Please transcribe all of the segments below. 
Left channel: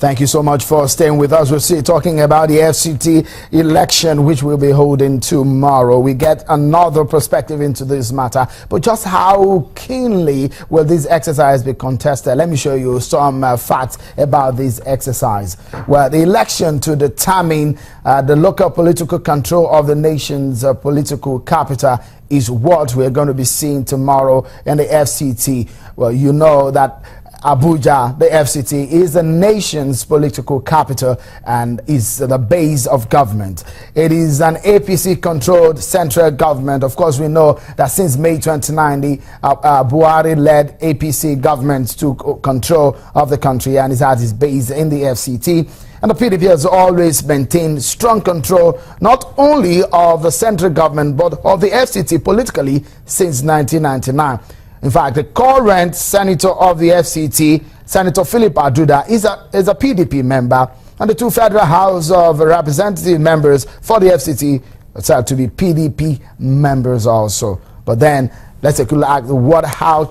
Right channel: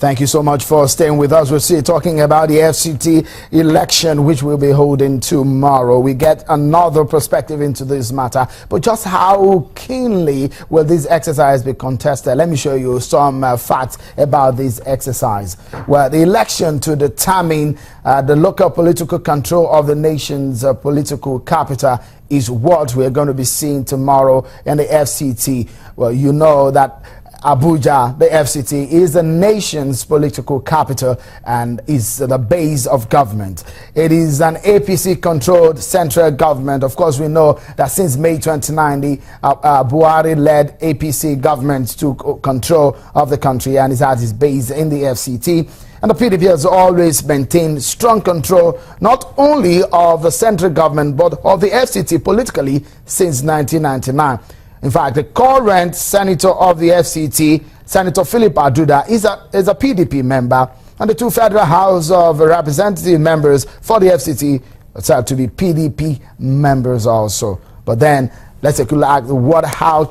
Thank you so much for staying with us. We're still talking about the FCT election, which we'll be holding tomorrow. We get another perspective into this matter, but just how keenly will this exercise be contested? Let me show you some facts about this exercise. Well, the election to determine the local political control of the nation's political capital is what we're going to be seeing tomorrow in the FCT. Well, you know that Abuja, the FCT, is the nation's political capital and is the base of government. It is an APC-controlled central government. Of course, we know that since May 2019, Buhari-led APC government took control of the country and is at its base in the FCT. And the PDP has always maintained strong control not only of the central government but of the FCT politically since 1999. In fact, the current senator of the FCT, Senator Philip Aduda, is a PDP member, and the two Federal House of Representative members for the FCT are said to be PDP members also. But then let's take a look at how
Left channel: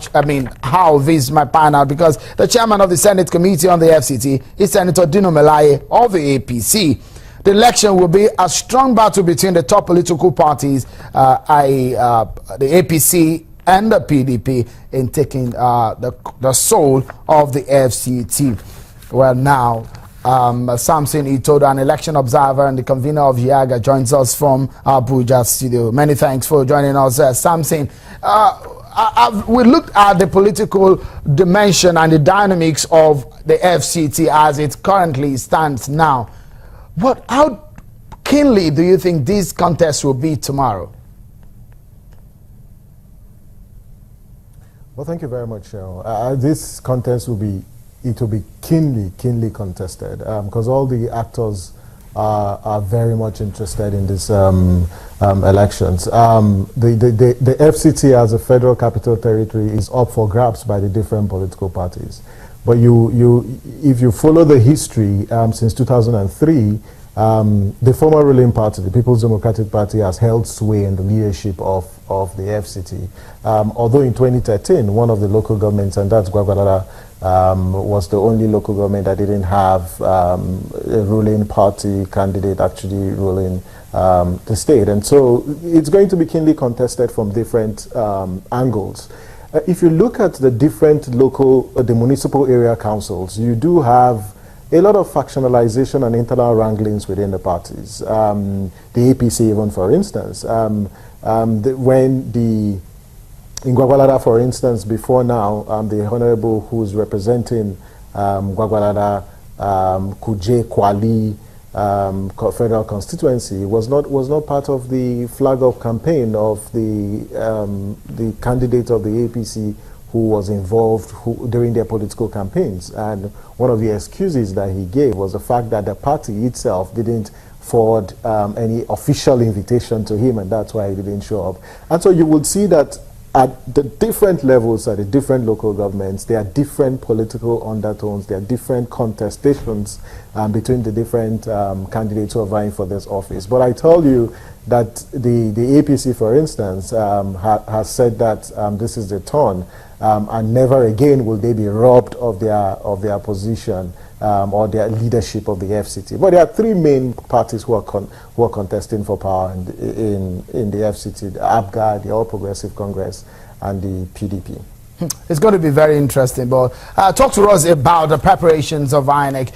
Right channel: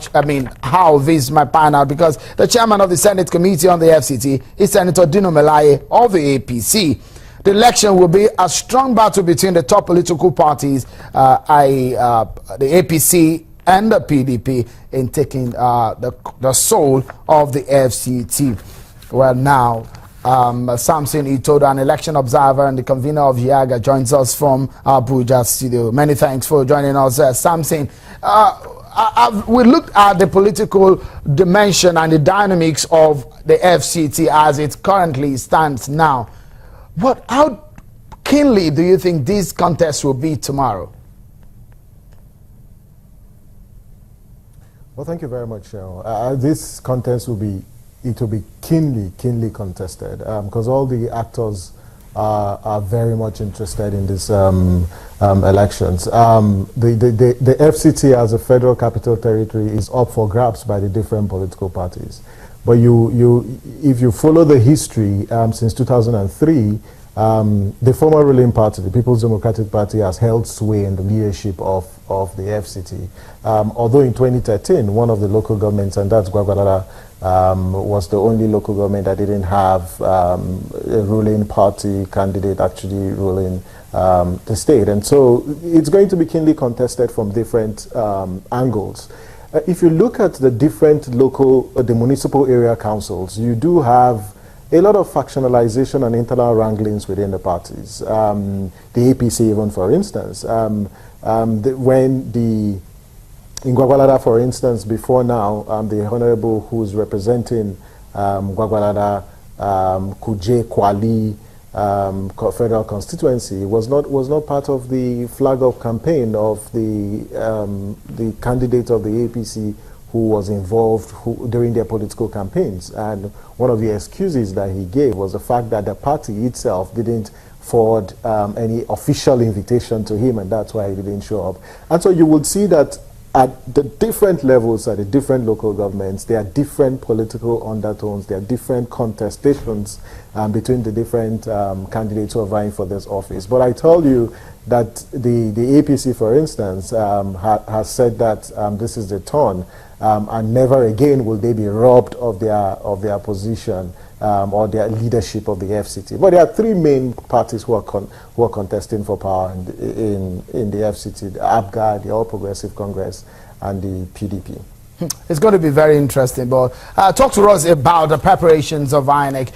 this might pan out, because the chairman of the Senate Committee on the FCT is Senator Dino Melaye of the APC. The election will be a strong battle between the top political parties, the APC and the PDP, in taking the soul of the FCT. Well, now, Samson Itodo, an election observer and the convener of YAGA, joins us from Abuja studio. Many thanks for joining us, Samson. We looked at the political dimension and the dynamics of the FCT as it currently stands now. How keenly do you think this contest will be tomorrow? Well, thank you very much, Cheryl. This contest will be keenly contested because all the actors are very much interested in these elections. The FCT as a federal capital territory is up for grabs by the different political parties. But if you follow the history since 2003, the former ruling party, the People's Democratic Party, has held sway in the leadership of the FCT. Although in 2013, one of the local governments, and that's Gwagwalada, was the only local government that didn't have a ruling party candidate actually ruling the state. And so it's going to be keenly contested from different angles. If you look at the different the municipal area councils, you do have a lot of factionalization and internal wranglings within the parties. The APC, even for instance, in Gwagwalada, for instance, before now, the honorable who's representing Gwagwalada, Kuje Kwali federal constituency was not part of the flag of campaign of the candidate of the APC who was involved during their political campaigns. And one of the excuses that he gave was the fact that the party itself didn't forward any official invitation to him, and that's why he didn't show up. And so you would see that at the different levels, at the different local governments, there are different political undertones, there are different contestations between the different candidates who are vying for this office. But I tell you that the APC, for instance, has said that this is the turn, and never again will they be robbed of their position or their leadership of the FCT. But there are three main parties who are contesting for power in the FCT: the APGA, the All Progressive Congress, and the PDP. It's going to be very interesting. But talk to us about the preparations of INEC.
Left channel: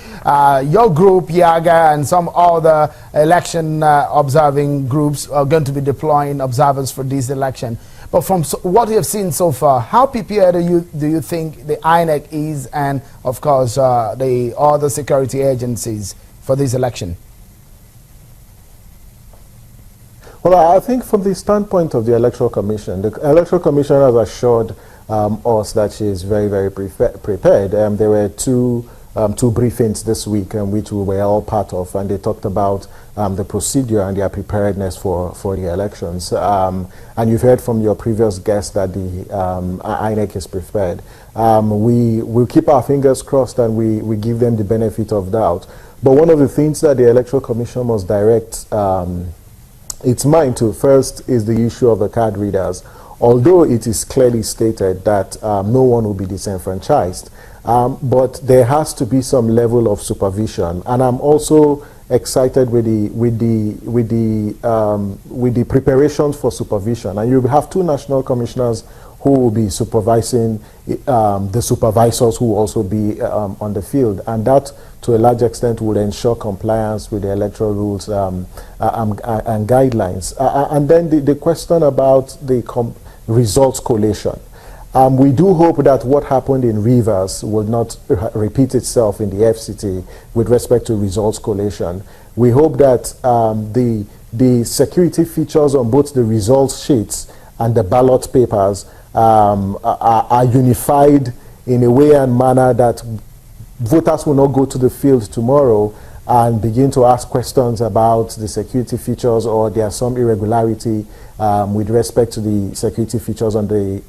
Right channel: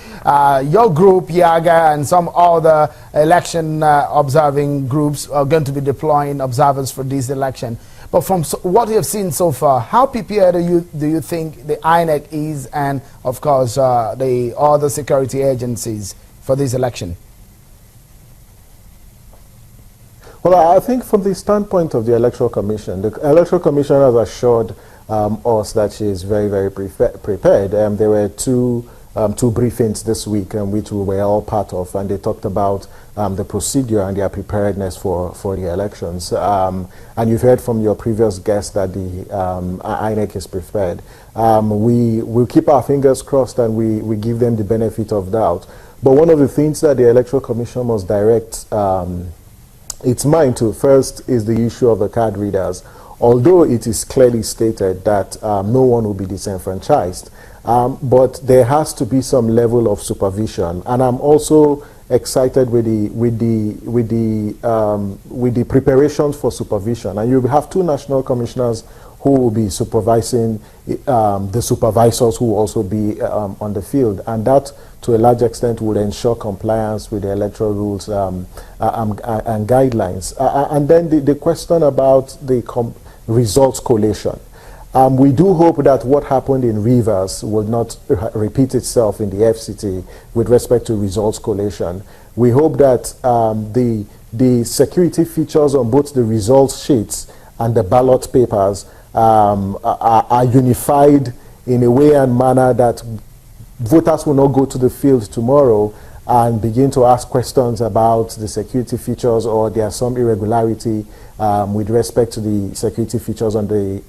Your group, YAGA, and some other election observing groups are going to be deploying observers for this election. But from what you have seen so far, how prepared do you think the INEC is, and of course the other security agencies for this election? Well, I think from the standpoint of the Electoral Commission, the Electoral Commission has assured us that she is very, very prepared. There were two briefings this week which we were all part of, and they talked about the procedure and their preparedness for the elections. And you've heard from your previous guest that the INEC is prepared. We'll keep our fingers crossed and we give them the benefit of doubt. But one of the things that the Electoral Commission must direct its mind to first is the issue of the card readers. although it is clearly stated that no one will be disenfranchised. But there has to be some level of supervision, and I'm also excited with the preparations for supervision. And you have two national commissioners who will be supervising the supervisors who will also be on the field, and that to a large extent will ensure compliance with the electoral rules and guidelines. And then the question about the results collation. We do hope that what happened in Rivers will not repeat itself in the FCT with respect to results collation. We hope that the security features on both the results sheets and the ballot papers are unified in a way and manner that voters will not go to the field tomorrow and begin to ask questions about the security features, or there's some irregularity with respect to the security features on the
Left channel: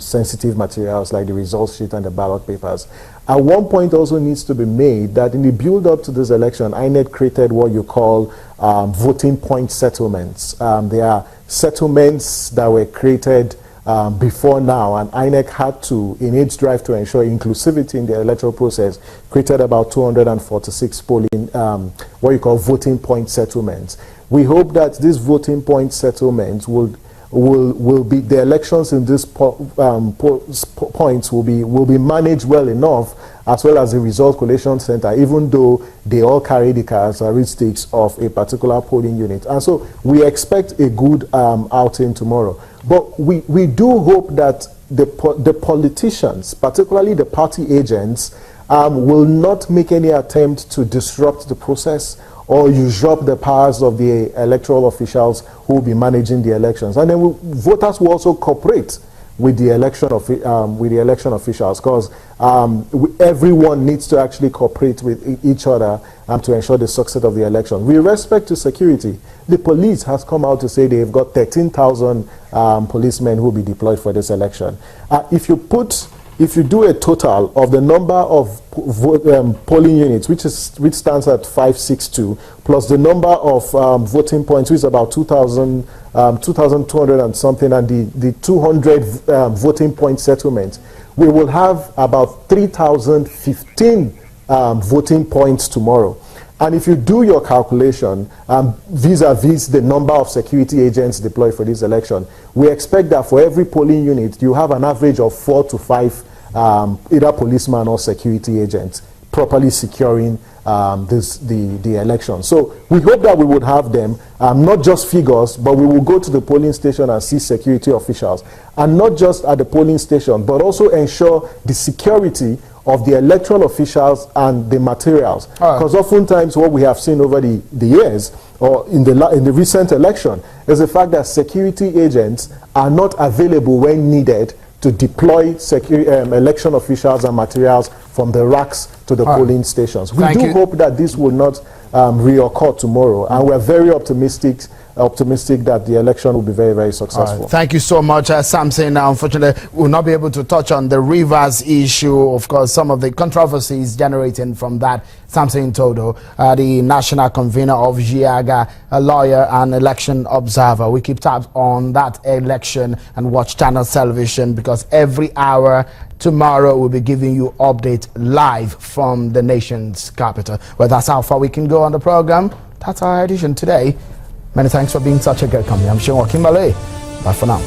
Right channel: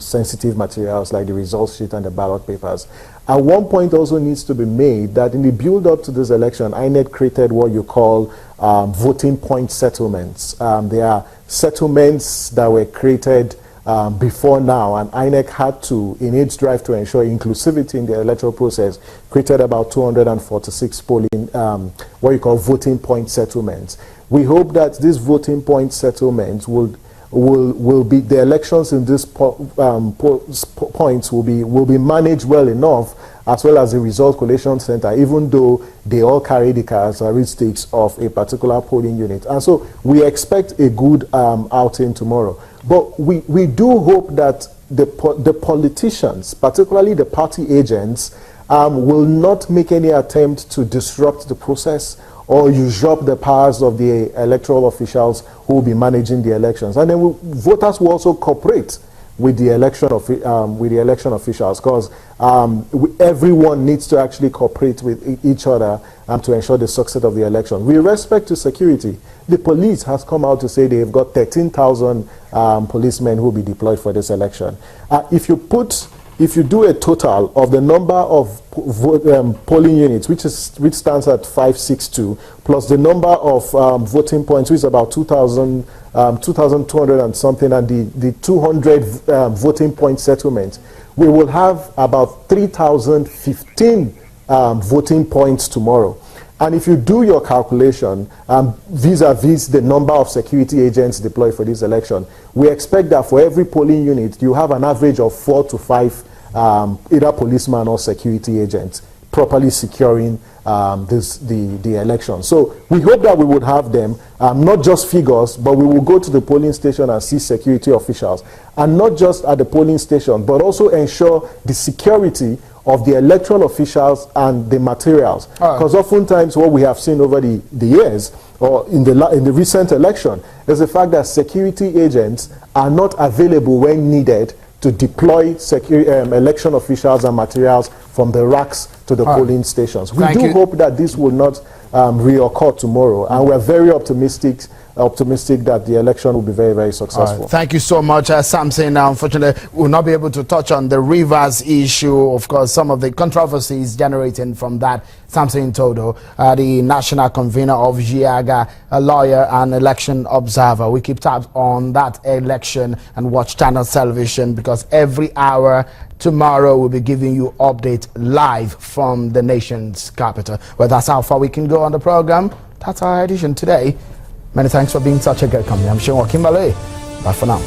sensitive materials like the results sheet and the ballot papers. At one point also needs to be made that in the build-up to this election, INEC created what you call voting point settlements. There are settlements that were created before now, and INEC had to, in its drive to ensure inclusivity in the electoral process, created about 246 polling, what you call voting point settlements. We hope that these voting point settlements will be, the elections in these points will be managed well enough, as well as the result collation center, even though they all carry the characteristics of a particular polling unit. And so we expect a good outing tomorrow. But we do hope that the politicians, particularly the party agents, will not make any attempt to disrupt the process or usurp the powers of the electoral officials who will be managing the elections. And then voters will also cooperate with the election officials, because everyone needs to actually cooperate with each other to ensure the success of the election. With respect to security, the police has come out to say they've got 13,000 policemen who will be deployed for this election. If you do a total of the number of polling units, which stands at 562, plus the number of voting points, which is about 2,200 and something, and the 200 voting point settlements, we will have about 3,015 voting points tomorrow. And if you do your calculation vis-a-vis the number of security agents deployed for this election, we expect that for every polling unit, you have an average of 4 to 5 either policemen or security agents properly securing the election. So we hope that we would have them, not just figures, but we will go to the polling station and see security officials. And not just at the polling station, but also ensure the security of the electoral officials and the materials. Because oftentimes what we have seen over the years, or in the recent election, is the fact that security agents are not available when needed to deploy election officials and materials from the racks to the polling stations. We do hope that this will not reoccur tomorrow, and we're very optimistic that the election will be very, very successful. Thank you so much, Samson. Unfortunately, we'll not be able to touch on the Rivers issue, of course, some of the controversies generating from that. Samson Todo, the national convener of GIAGA, a lawyer and election observer. We keep tabs on that election and watch Channel Television, because every hour tomorrow we'll be giving you update live from the nation's capital. Well, that's how far we can go on the program. That's our edition today. Many thanks for being such a good company. I'm Sean Kimberley. Bye for now.